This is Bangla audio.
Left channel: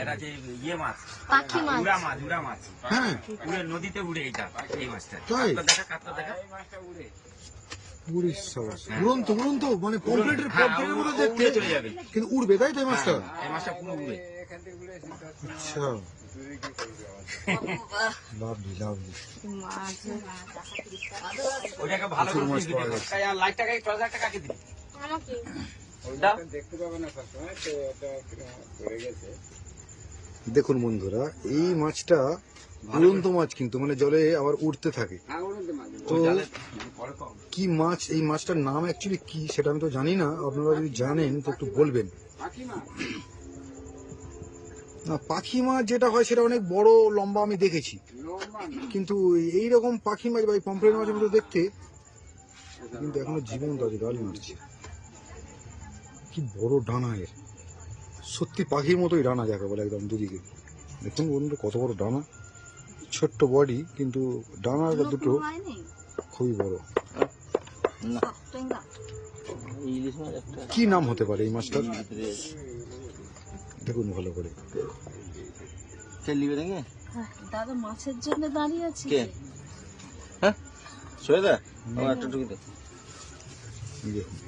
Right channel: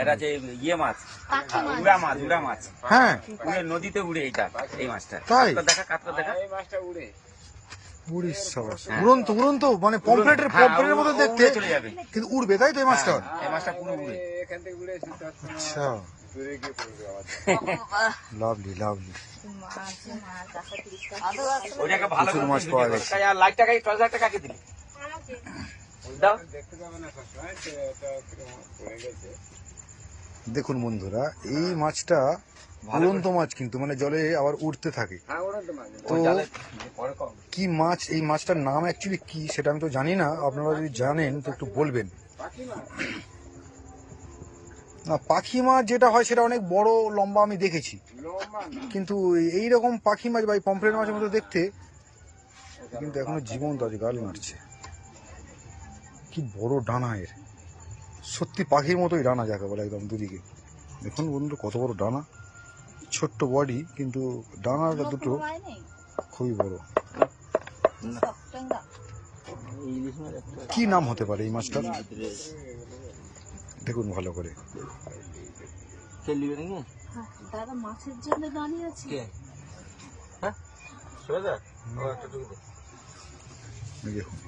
এটা যে ইয়ে মাছ, পাখি মাছ। উড়া মাছ। হ্যাঁ উড়ে নদীতে উড়ে এই মাছটা। তাই? কাতলা দেখা। এই মাছটা উড়ে। উড়িস সবাস উড়ন্ত মানে পমফ্রেটের মতো দেখতে, উড়ে চলে যাবে। কিন্তু উড়বে তাই তো এই মাছটা? এই মাছটা পুরো উড়ে। এখান থেকে উড়ে এসে আচ্ছা দূরে গিয়ে পড়বে মাছ। Lovely lovely. ওটাকে ভালো প্রচুর করে মাছ পাওয়া ভিডিও গেছে। করতে। আর লাখ টাকা 10,000 টাকা কাকে দিবি? ওই মাছটা দেখতে পাবে না সবসময়, তো এটা কিরকম পড়ে গেছে। দেখুন বন্ধুরা, এই মাছটা উড়ন্ত মাছ, কিন্তু মানে জলে আবার উঠতে থাকে। হ্যাঁ উড়ন্ত মাছ। তো পরে কম। কি মাছ, এই মাছটার নাম অ্যাকচুয়ালি কি সেটা আমি তো জানি না, আপনারা যদি জানেন তো একটু বলবেন। পাখি মাছ। না, পাখি মাছ যেটা হয় সেটা অনেক বড় লম্বা আমি দেখেছি, লম্বা না। কিন্তু এইরকম পাখি মাছ বা এই পমফ্রেট মাছের মতো দেখতে, কিন্তু এখনো জীবন্ত আছে, গাল নাড়ছে। কি বড় ডানা এর, সত্যি পাখির মতোই ডানা যাকে বলে, একদম দুদিকে। দেখুন বন্ধু কত বড় ডানা, ছোট্ট বডি, কিন্তু ডানাটা দুটো খুবই বড়। কি নাম হতে পারে এই মাছটার? দেখুন ভালো করে। দাদা মাছের জন্য দাঁড়িয়ে আছে। হ্যাঁ? সোয়েদা? ও একটা টুকি দে। দেখুন